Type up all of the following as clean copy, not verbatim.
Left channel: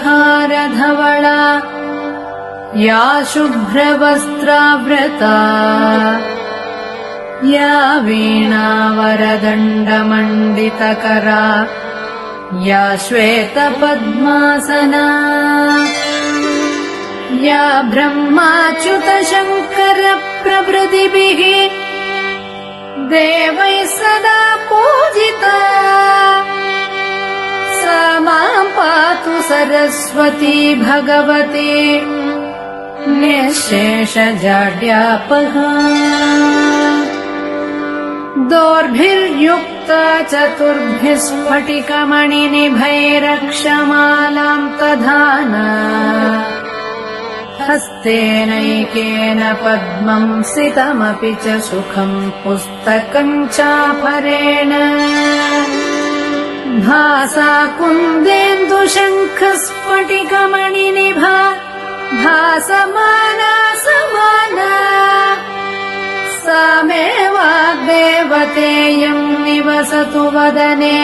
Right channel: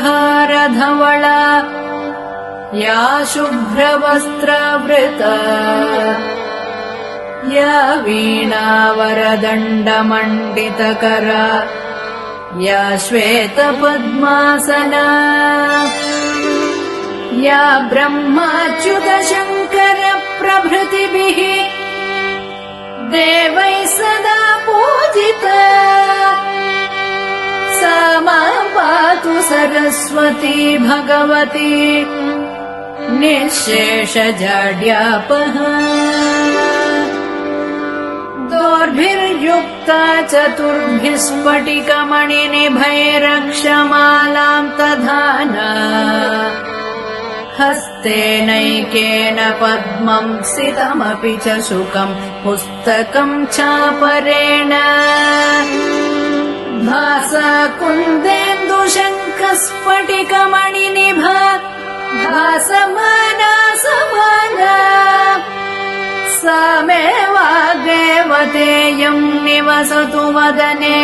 तुषारहारधवला या शुभ्रवस्त्रावृता या वीणावरदण्डमण्डितकरा या श्वेतपद्मासना या ब्रह्माच्युतशङ्करप्रभृतिभिः देवैः सदा पूजिता सा मां पातु सरस्वती भगवती निःशेषजाड्यापहा दोर्भिर्युक्ता चतुर्भिः स्फटिकमणिनिभैरक्षमालां दधाना हस्तेनैकेन पद्मं सितमपि च शुकं पुस्तकं चापरेण भासा कुन्देन्दुशङ्खस्फटिकमणिनिभा भासमाना समाना सा मे वाग्देवतेयं निवसतु वदने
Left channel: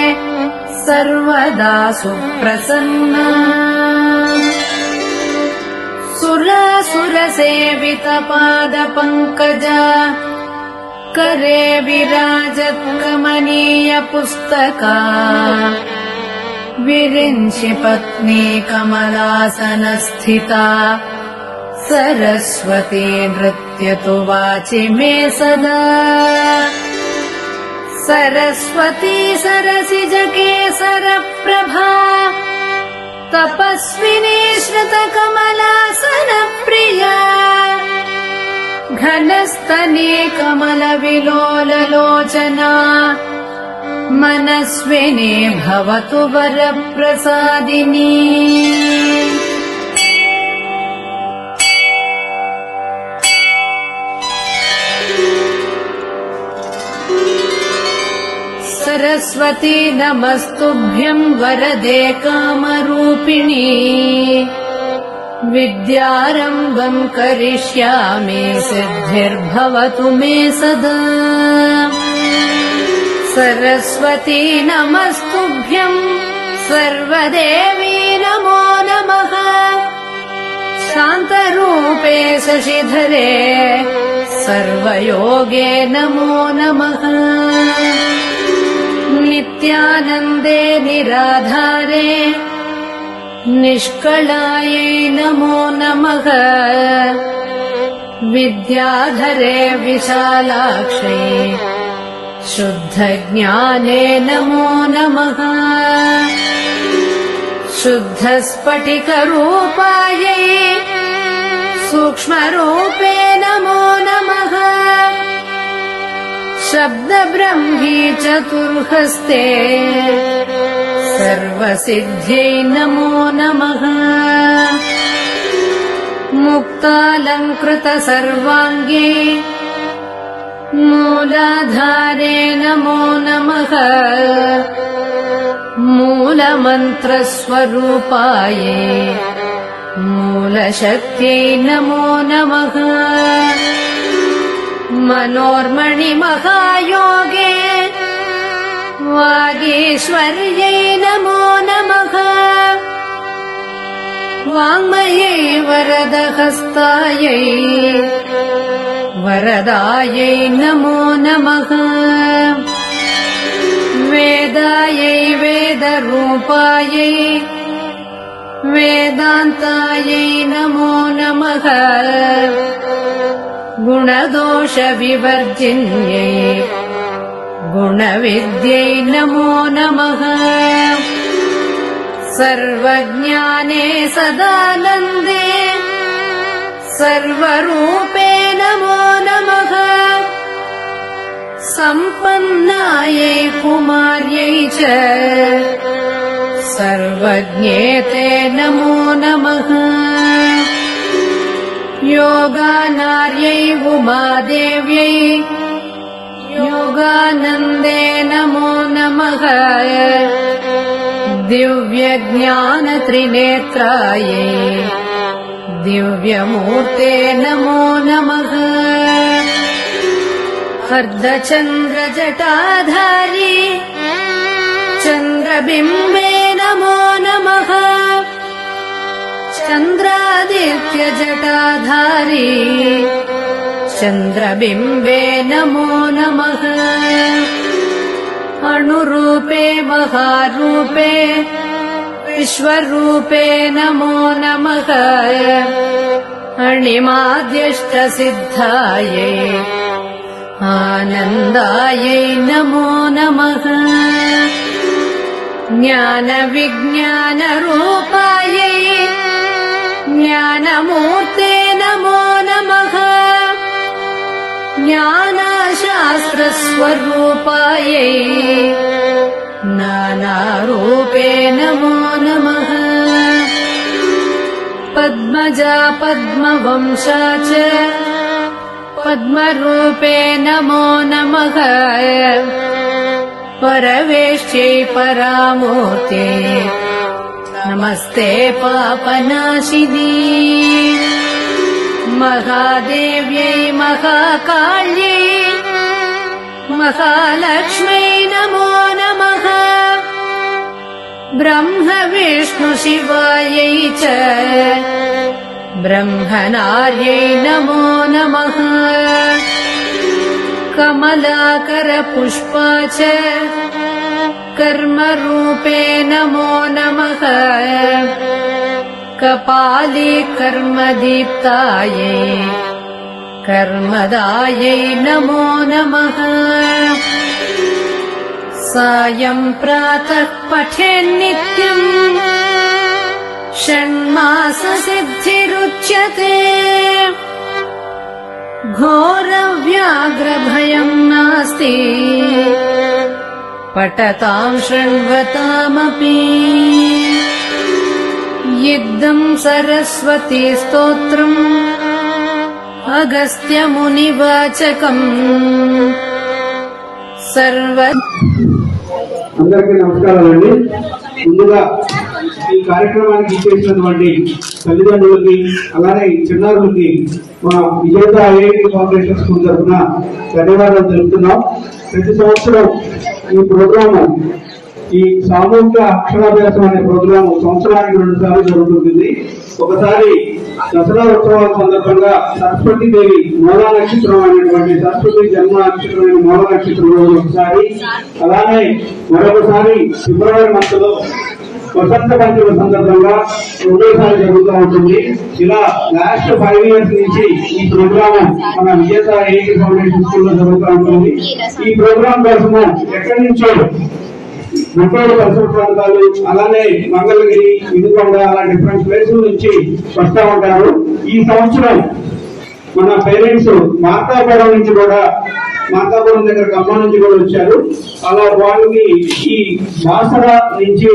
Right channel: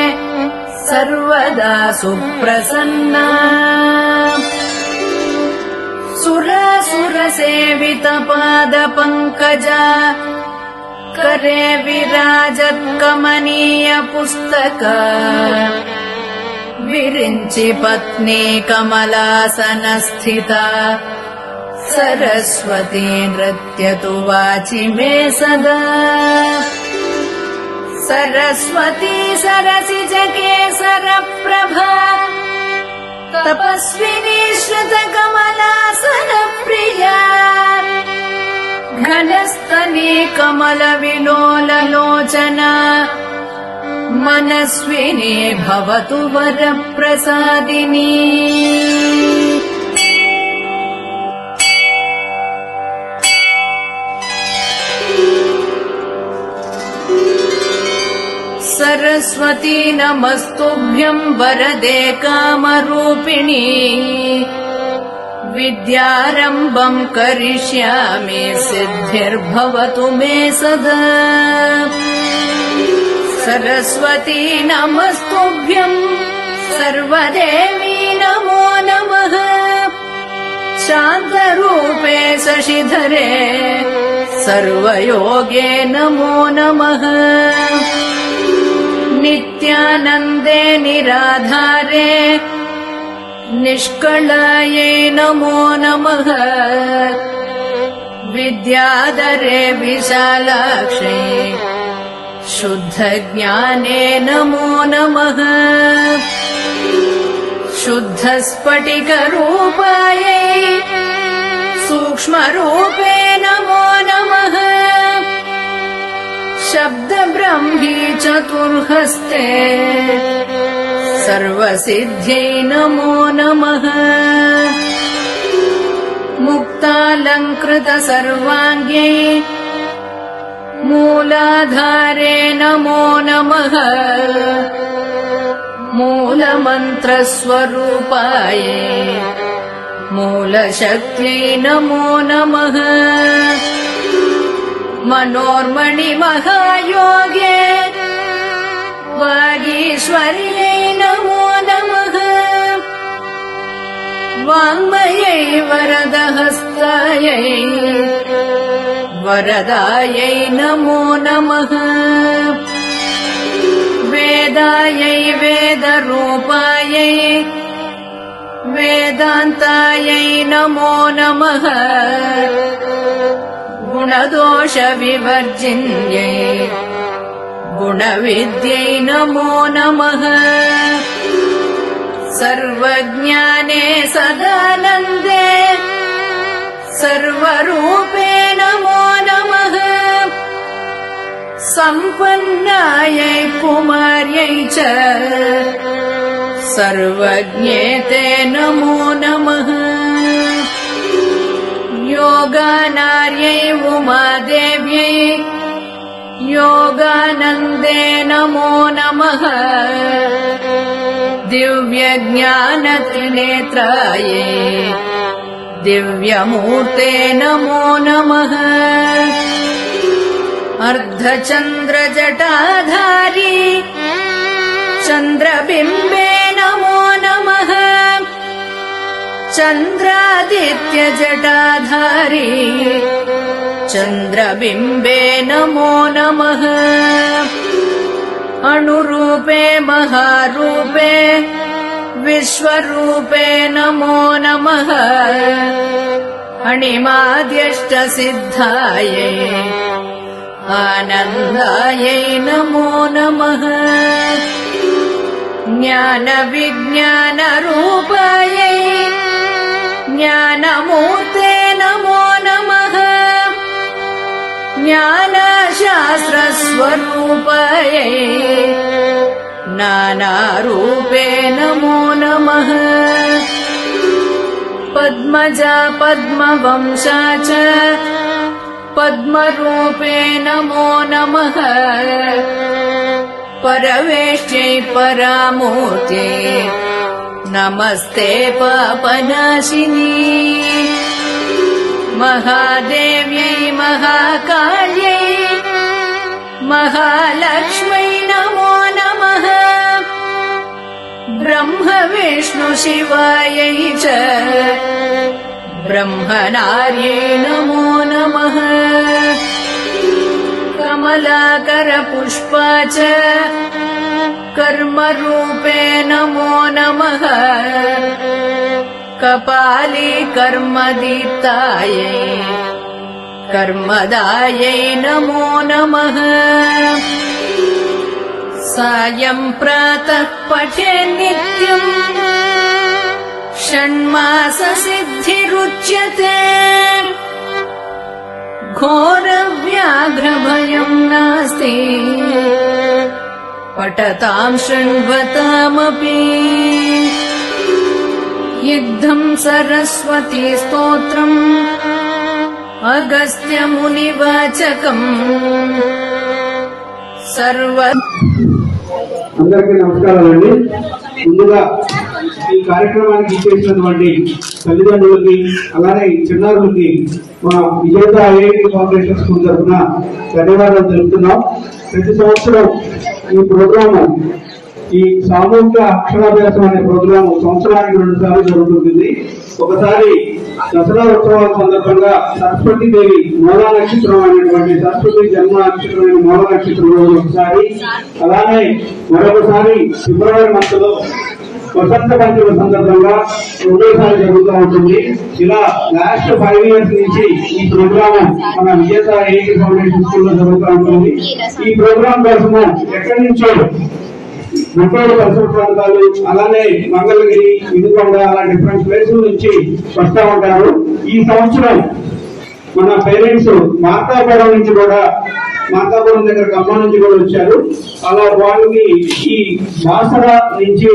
सर्वदा सुप्रसन्ना सुरसेवितपादपङ्कजा करे विराजत्कमनीय पुस्तका विरिञ्चि पत्नी कमलासनस्थिता सरस्वती नृत्यतु वाचि मे सदा सरस्वती सरसिजकेसरप्रभा तपस्विनी श्रुतकमलासनप्रिया घनस्तनी कमलविलोललोचना मनस्विनी भवतु वरप्रसादिनी सरस्वती नमस्तुभ्यं वरदे कामरूपिणी विद्यारम्भं करिष्यामि सिद्धिर्भवतु मे सदा सरस्वती नमस्तुभ्यं सर्वदेवी नमो नमः शान्तरूपे शशिधरे सर्वयोगे नमो नमः नित्यानन्दे निराधारे निष्कलायै नमो नमः विद्याधरे विशालाक्षे शुद्धज्ञाने नमो नमः शुद्धस्फटिकरूपायै सूक्ष्मरूपे नमो नमः शब्दब्रह्मी चतुर्हस्ते सर्वसिद्ध्यै नमो नमः मुक्तालङ्कृत सर्वाङ्गे मूलाधारे नमो नमः मूलमन्त्रस्वरूपायै मूलशक्त्यै नमो नमः मनोर्मणिमहायोगे वागीश्वर्यै नमो नमः वाङ्मयै वरदहस्तायै वरदायै नमो नमः वेदायै वेदरूपायै वेदान्तायै नमो नमः गुणदोषविवर्जिन्यै गुणविद्यै नमो नमः सर्वज्ञाने सदानन्दे सर्वरूपे नमो नमः सम्पन्नायै कुमार्यै च सर्वज्ञेते नमो नमः योगानार्यै उमादेव्यै योगानन्दे नमो नमः दिव्यज्ञानत्रिनेत्रायै दिव्यमूर्ते नमो नमः अर्धचन्द्रजटाधारी चन्द्रबिम्बे नमो नमः चन्द्रादित्यजटाधारी चन्द्रबिम्बे नमो नमः अणुरूपे महारूपे विश्वरूपे नमो नमः अणिमाद्यष्टसिद्धायै आनन्दायै नमो नमः ज्ञानविज्ञानरूपायै ज्ञानमूर्ते नमो नमः ज्ञानशास्त्रस्वरूपायै नानारूपे नमो नमः पद्मजा पद्मवंशा च पद्मरूपे नमो नमः परवेष्ट्यै परामूर्ते नमस्ते पापनाशिनी महादेव्यै महाकाल्यै महालक्ष्म्यै नमो नमः ब्रह्म विष्णु शिवायै च ब्रह्मणार्यै नमो नमः कमलाकर पुष्पा च कर्मरूपे नमो नमः कपाली कर्मदीप्तायै कर्मदायै नमो नमः सायं प्रातः पठेन्नित्यम् षण्माससिद्धिरुच्यते घोरव्याघ्रभयं नास्ति पठतां शृण्वतामपि युद्धं सरस्वती स्तोत्रम् अगस्त्यमुनिवाचकम् सर्व అందరికీ నమస్కారాలండి. ముందుగా ఈ కార్యక్రమానికి ఇచ్చేసినటువంటి తల్లిదండ్రులకి అలానే చిన్నారులకి మా విజేత ఐఐటి ఫౌండేషన్ స్కూల్ తరఫున ధన్యవాదాలు తెలుపుతున్నాం. ప్రతి సంవత్సరం ఈ ప్రోగ్రాము ఈ సామూహిక అక్షరాభ్యాసం అనే ప్రోగ్రాము సంవత్సరానికి 2 సార్లు జరుగుతుంది. ఒకసారి దసరా ఉత్సవాల సందర్భంగా సరస్వతి దేవి మూలా నక్షత్రం అనేటువంటి సరస్వతి జన్మ నక్షత్రమైన మూల నక్షత్రం రోజు ఒకసారి, అలానే మరొకసారి ఫిబ్రవరి మంత్ లో వసంత పంచమి సందర్భంగా 2వ సారి జరుగుతూ ఉంటుంది. ఇలా లాస్ట్ 5 years నుంచి ఈ ప్రోగ్రామ్ మన విజేత ఐఐటి ఫౌండేషన్ స్కూల్ లో జరుగుతూ ఉంటుంది. ఈ ప్రోగ్రామ్ కోసము ఎక్కడి నుంచో ముప్పై పరిసర ప్రాంతాలు అలానే మంగళగిరి, వినుకొండ అలా డిఫరెంట్ ప్లేసుల నుంచి వస్తూ ఉంటారు. ఈ సంవత్సరం మన పేరెంట్స్ మార్కాపురం నుంచి కూడా, మార్కాపురం దగ్గర ఖమ్మం నుంచి కూడా వచ్చారు. అలా వాళ్ళకి ఈ బాసర నుంచి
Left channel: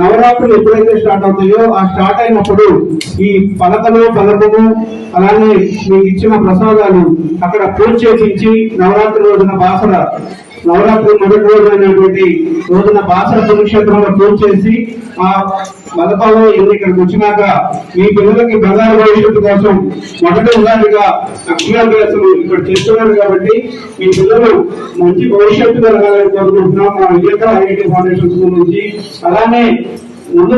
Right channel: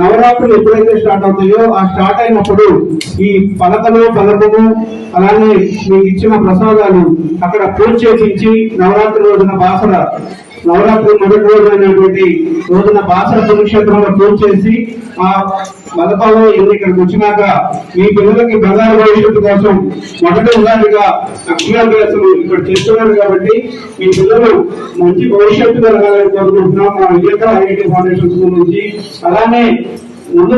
నవరాత్రులు ఎప్పుడైతే స్టార్ట్ అవుతాయో ఆ స్టార్ట్ అయినప్పుడు ఈ పలకము అలానే మీకు ఇచ్చిన ప్రసాదాలు అక్కడ పూజ చేయించి నవరాత్రి రోజున బాసర నవరాత్రి మొదటి రోజు అయినటువంటి రోజున బాసర పుణ్యక్షేత్రంలో పూజ చేసి ఆ బలపాలు ఇక్కడికి వచ్చినాక మీ పిల్లలకి బంగారు భవిష్యత్తు కోసం మొదటి ఉదాహరణగా అక్షరాభ్యాసం ఇక్కడ చేస్తున్నారు. కాబట్టి మీ పిల్లలు మంచి భవిష్యత్తు కలగాలని కోరుకుంటున్నాం మా విజేత ఐఐటి ఫౌండేషన్ స్కూల్ నుంచి. అలానే ముందు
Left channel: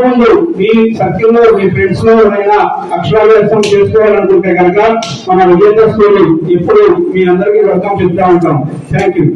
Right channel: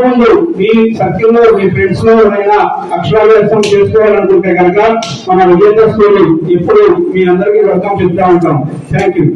మీ సర్కిల్లో మీ ఫ్రెండ్స్ లో ఎవరైనా అక్షరాభ్యాసం చేసుకోవాలనుకుంటే కనుక మన విజేత స్కూల్ ఎప్పుడు మీ అందరికీ వెల్కమ్ చెప్తా ఉంటాం. Thank you.